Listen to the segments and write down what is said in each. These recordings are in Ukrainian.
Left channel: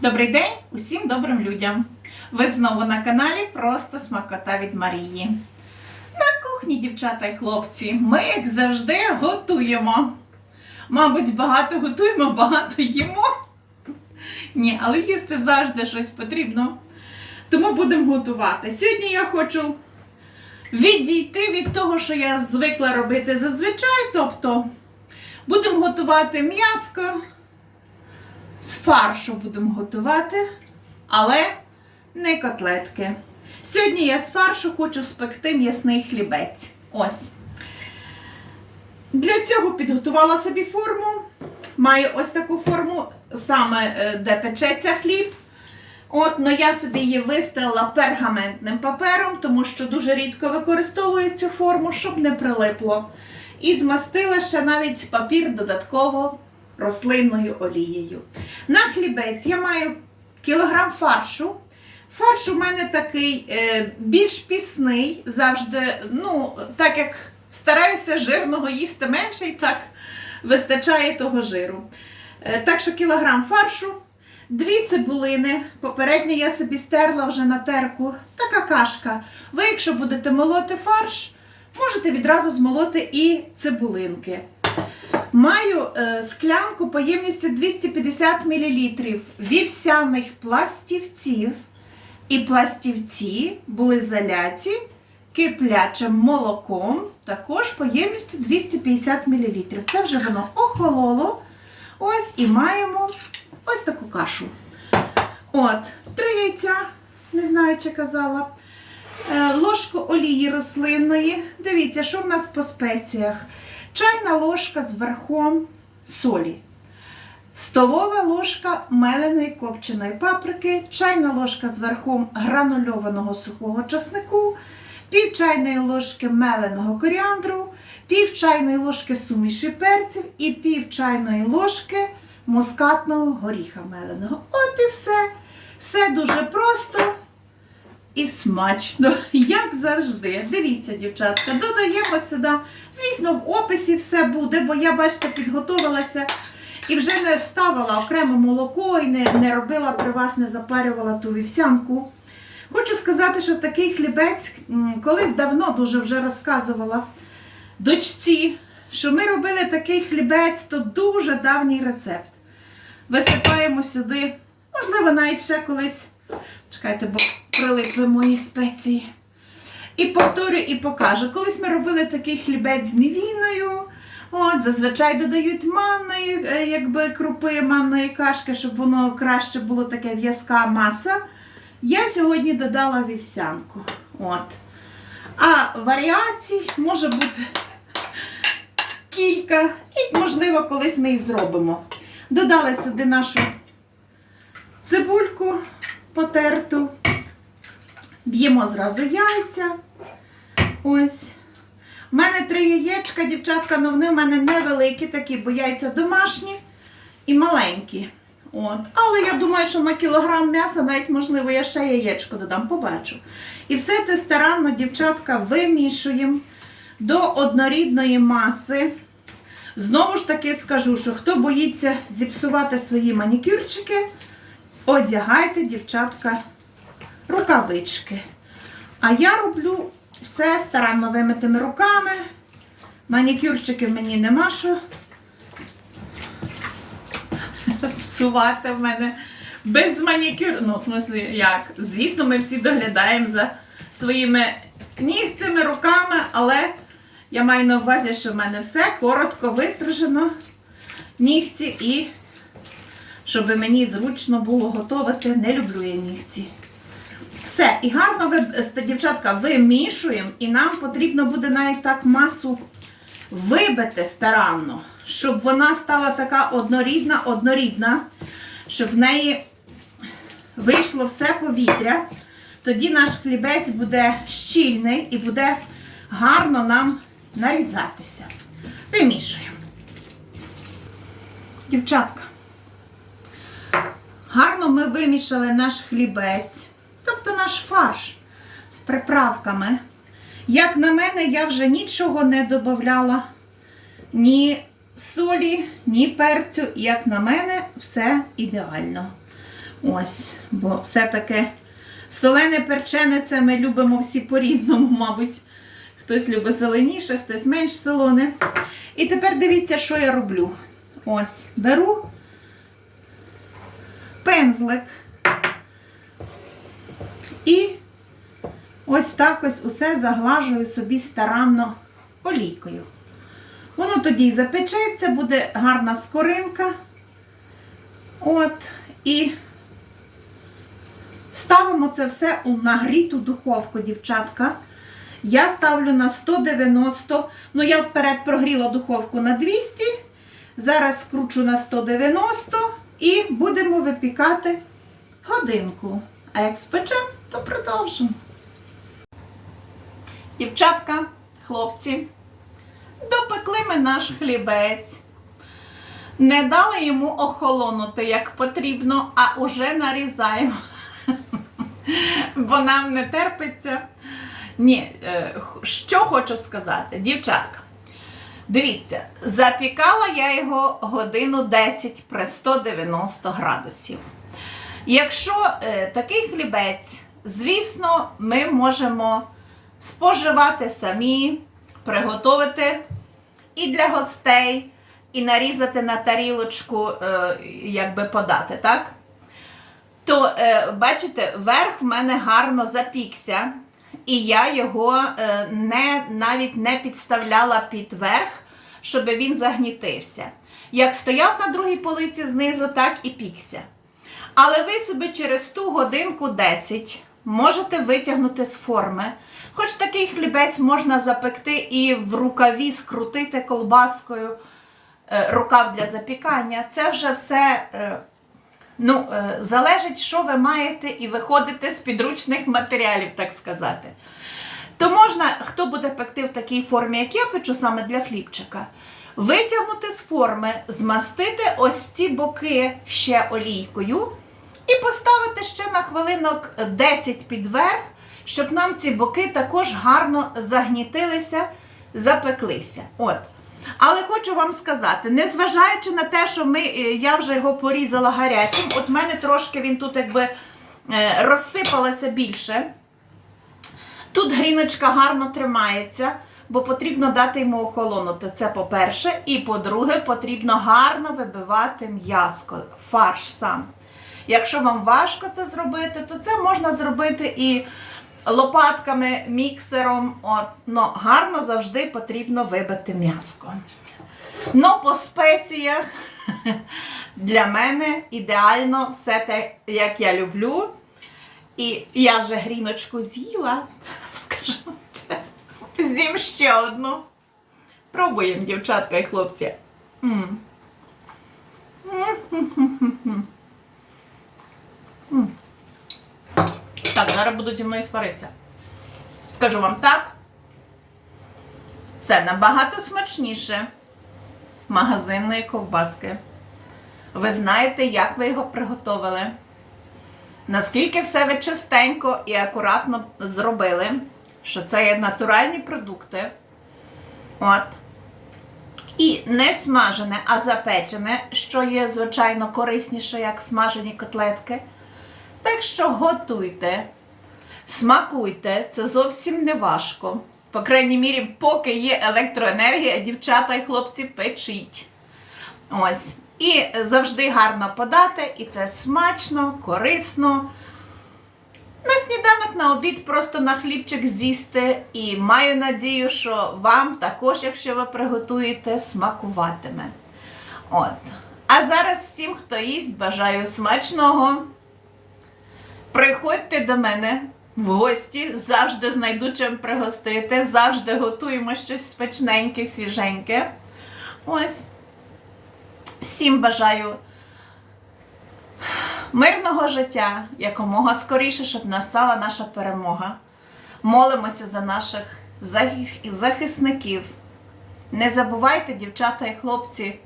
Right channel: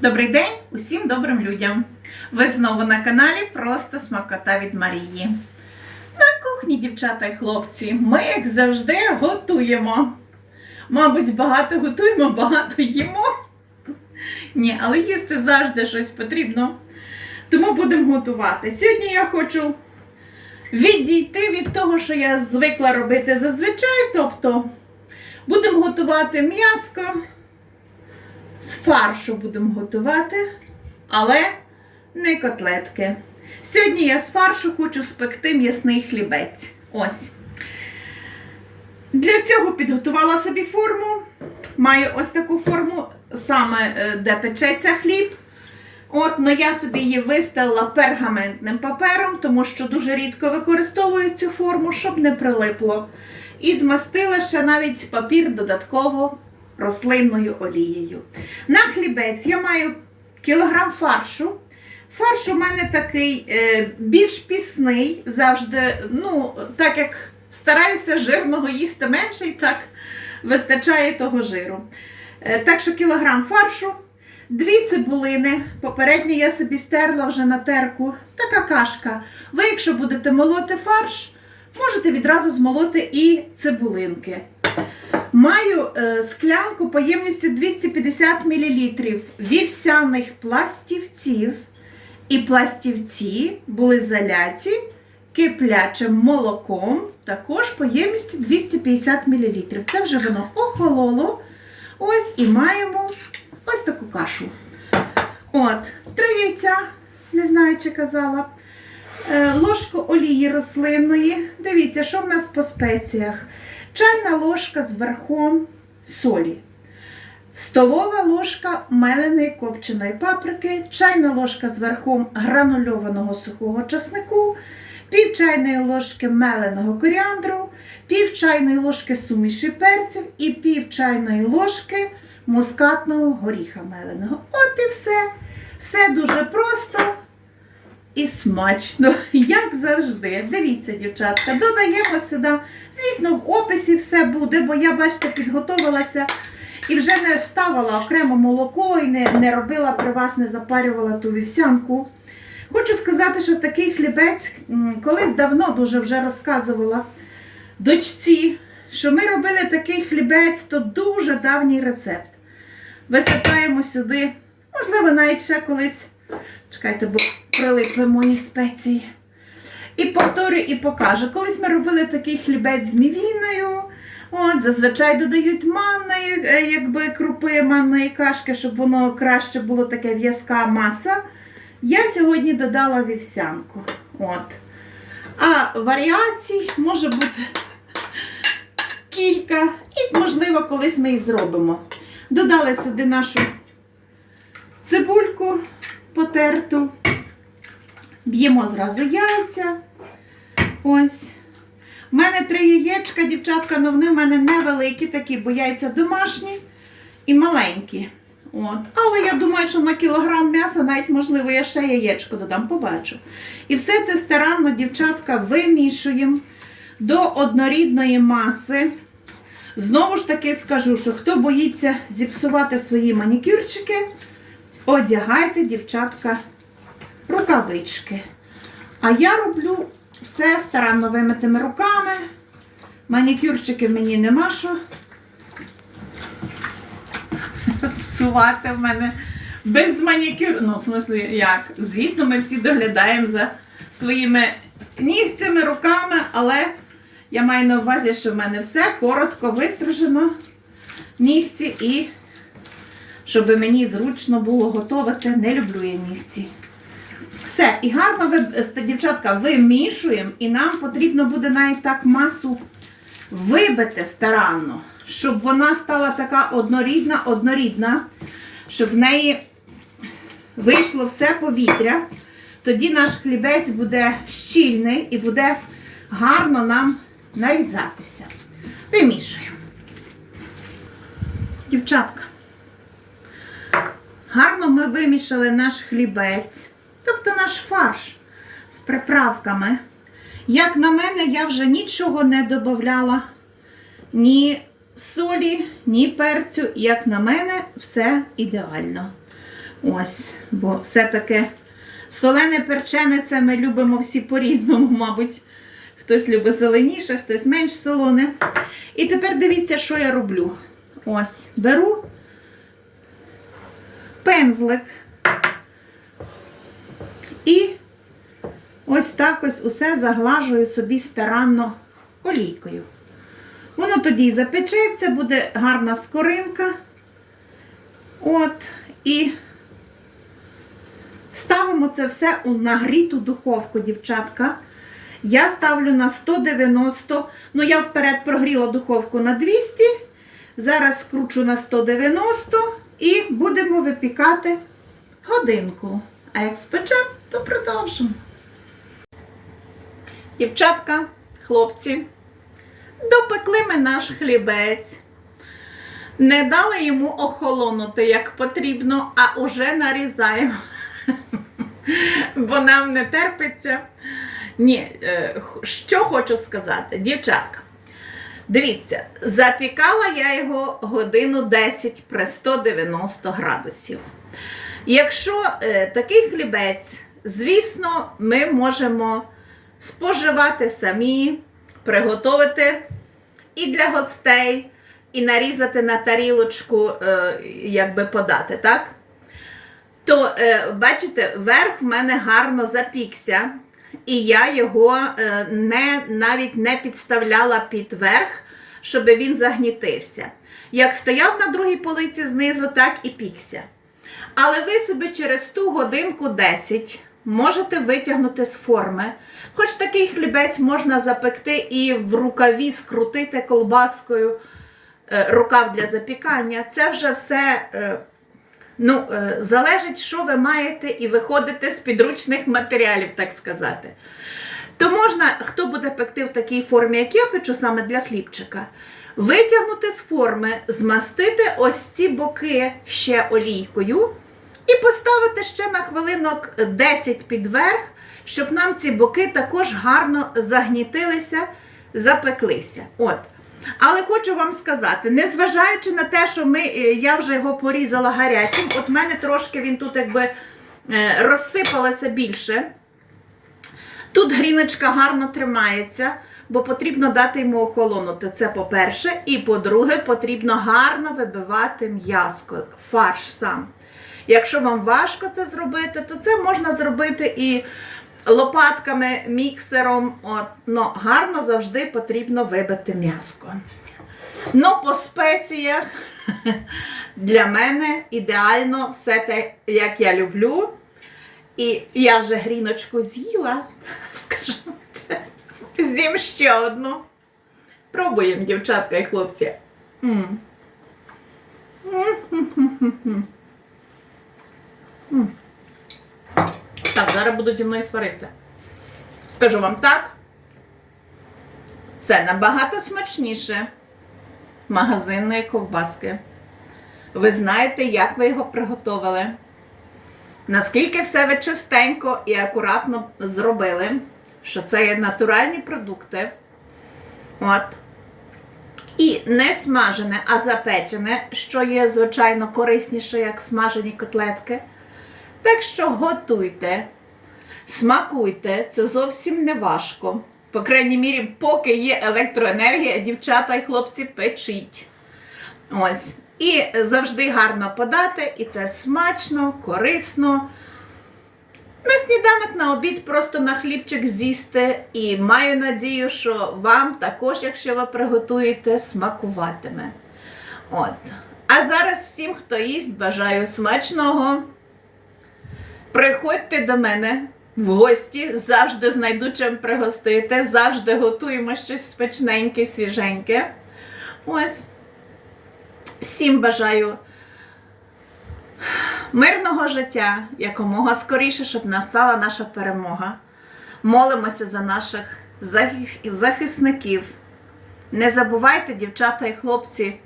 Добрий день усім добрим людям! Ви знову на каналі Просто Смакота від Марії. На кухні, дівчата і хлопці, ми, як завжди, готуємо. Мабуть, багато готуємо, багато їмо. Ні, але їсти завжди щось потрібно. Тому будемо готувати. Сьогодні я хочу відійти від того, що я звикла робити зазвичай. Тобто будемо готувати м'яско. З фаршу будемо готувати, але не котлетки. Сьогодні я з фаршу хочу спекти м'ясний хлібець. Ось. Для цього підготувала собі форму. Маю ось таку форму, саме е, де печеться хліб. От, но я собі її вистелила пергаментним папером, тому що дуже рідко використовую цю форму, щоб не прилипло. І змастила ще навіть папір додатково рослинною олією. На хлібець я маю кілограм фаршу. Фарш у мене такий е, більш пісний, завжди, ну, так як стараюся жирного їсти менше, і так вистачає того жиру. Е, так що кілограм фаршу, дві цибулини. Попередньо я собі стерла вже на терку. Така кашка. Ви, якщо будете молоти фарш, можете відразу змолоти і цибулинки. Маю е, склянку поємністю 250 мл вівсяних пластівців. І пластівці були заляті киплячим молоком, також поємністю 250 мл. Це вже воно охололо. Ось і маємо ось таку кашу. От, три яйця, не знаю, чи казала. Е, Ложку олії рослинної. Дивіться, що в нас по спеціях. Чайна ложка з верхом солі. Столова ложка меленої копченої паприки, чайна ложка з верхом гранульованого сухого часнику, пів чайної ложки меленого коріандру, пів чайної ложки суміші перців і пів чайної ложки мускатного горіха меленого. От і все. Все дуже просто і смачно, як завжди. Дивіться, дівчатка, додаємо сюди. Звісно, в описі все буде, бо я, бачите, підготовилася і вже не ставила окремо молоко і не, не робила при вас, не запарювала ту вівсянку. Хочу сказати, що такий хлібець колись давно дуже вже розказувала дочці, що ми робили такий хлібець, то дуже давній рецепт. Висипаємо сюди, можливо, навіть ще колись. Чекайте, бо прилипли мої спеції. І повторю і покажу. Колись ми робили такий хлібець з мівіною. От, зазвичай додають манної, е, якби крупи манної кашки, щоб воно краще було таке в'язка маса. Я сьогодні додала вівсянку. От. А варіацій може бути кілька, і, можливо, колись ми і зробимо. Додала сюди нашу цибульку потерту. Б'ємо зразу яйця. Ось. У мене три яєчка, дівчатка, але вони в мене невеликі такі, бо яйця домашні і маленькі. От. Але я думаю, що на кілограм м'яса навіть, можливо, я ще яєчко додам, побачу. І все це старанно, дівчатка, вимішуємо до однорідної маси. Знову ж таки скажу, що хто боїться зіпсувати свої манікюрчики, одягайте, дівчатка, рукавички. А я роблю все старанно вимитими руками. Манікюрчиків мені нема що псувати в мене без манікюр. Ну, в смислі, як? Звісно, ми всі доглядаємо за своїми нігцями, руками, але я маю на увазі, що в мене все коротко вистрижено нігці і щоб мені зручно було готувати. Не люблю я нігці. Все, і гарно ви, е, дівчатка, вимішуємо, і нам потрібно буде навіть так масу вибити старанно, щоб вона стала така однорідна, однорідна, щоб в неї вийшло все повітря. Тоді наш хлібець буде щільний і буде гарно нам нарізатися. Вимішуємо. Дівчатка, гарно ми вимішали наш хлібець тобто наш фарш з приправками. Як на мене, я вже нічого не додавала, ні солі, ні перцю. Як на мене, все ідеально. Ось, бо все-таки солене перчене це ми любимо всі по-різному, мабуть. Хтось любить зеленіше, хтось менш солоне. І тепер дивіться, що я роблю. Ось, беру пензлик. І ось так ось усе заглажую собі старанно олійкою. Воно тоді запечеться, буде гарна скоринка. От, і ставимо це все у нагріту духовку, дівчатка. Я ставлю на 190. Ну, я вперед прогріла духовку на 200. Зараз скручу на 190 і будемо випікати годинку. А як спечемо, то продовжимо. Дівчатка, хлопці, допекли ми наш хлібець. Не дали йому охолонути як потрібно, а уже нарізаємо. Бо нам не терпиться. Ні, е, що хочу сказати, дівчатка. Дивіться, запікала я його годину 10 при 190 градусів. Якщо е, такий хлібець, звісно, ми можемо споживати самі, приготувати і для гостей, і нарізати на тарілочку, е, якби подати, так? То, е, бачите, верх в мене гарно запікся, і я його е, не, навіть не підставляла під верх, щоб він загнітився. Як стояв на другій полиці знизу, так і пікся. Але ви собі через ту годинку 10 можете витягнути з форми. Хоч такий хлібець можна запекти і в рукаві скрутити колбаскою, е, рукав для запікання. Це вже все е, ну, е, залежить, що ви маєте, і виходите з підручних матеріалів, так сказати. То можна, хто буде пекти в такій формі, як я печу саме для хлібчика, витягнути з форми, змастити ось ці боки ще олійкою і поставити ще на хвилинок 10 під верх, щоб нам ці боки також гарно загнітилися, запеклися. От. Але хочу вам сказати, незважаючи на те, що ми, е, я вже його порізала гарячим, от в мене трошки він тут якби е, розсипалося більше. Тут гріночка гарно тримається, бо потрібно дати йому охолонути. Це по-перше. І по-друге, потрібно гарно вибивати м'яско, фарш сам. Якщо вам важко це зробити, то це можна зробити і лопатками, міксером. От, но гарно завжди потрібно вибити м'яско. Ну, по спеціях для мене ідеально все те, як я люблю. І я вже гріночку з'їла, скажу чесно. З'їм ще одну. Пробуємо, дівчатка і хлопці. М. М-м-м-м-м. М. Так, зараз будуть зі мною сваритися. Скажу вам так. Це набагато смачніше магазинної ковбаски. Ви знаєте, як ви його приготували. Наскільки все ви чистенько і акуратно зробили, що це є натуральні продукти. От. І не смажене, а запечене, що є, звичайно, корисніше, як смажені котлетки. Так що готуйте, смакуйте, це зовсім не важко. По крайній мірі, поки є електроенергія, дівчата і хлопці печіть. Ось. І завжди гарно подати, і це смачно, корисно. На сніданок, на обід просто на хлібчик з'їсти. І маю надію, що вам також, якщо ви приготуєте, смакуватиме. От. А зараз всім, хто їсть, бажаю смачного. Приходьте до мене в гості, завжди знайду чим пригостити, завжди готуємо щось смачненьке, свіженьке. Ось. Всім бажаю мирного життя, якомога скоріше, щоб настала наша перемога. Молимося за наших захисників. Не забувайте, дівчата і хлопці,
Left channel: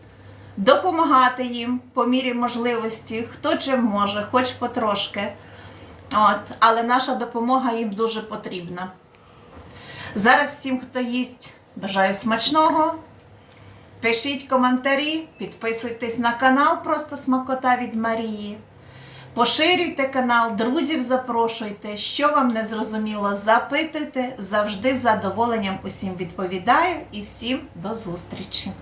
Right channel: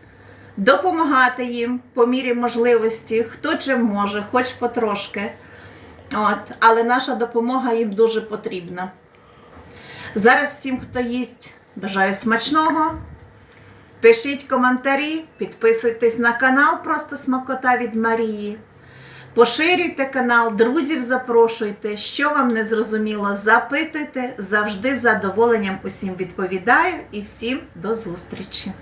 допомагати їм по мірі можливості, хто чим може, хоч потрошки. От, але наша допомога їм дуже потрібна. Зараз всім, хто їсть, бажаю смачного. Пишіть коментарі, підписуйтесь на канал Просто Смакота від Марії. Поширюйте канал, друзів запрошуйте. Що вам не зрозуміло, запитуйте. Завжди з задоволенням усім відповідаю і всім до зустрічі.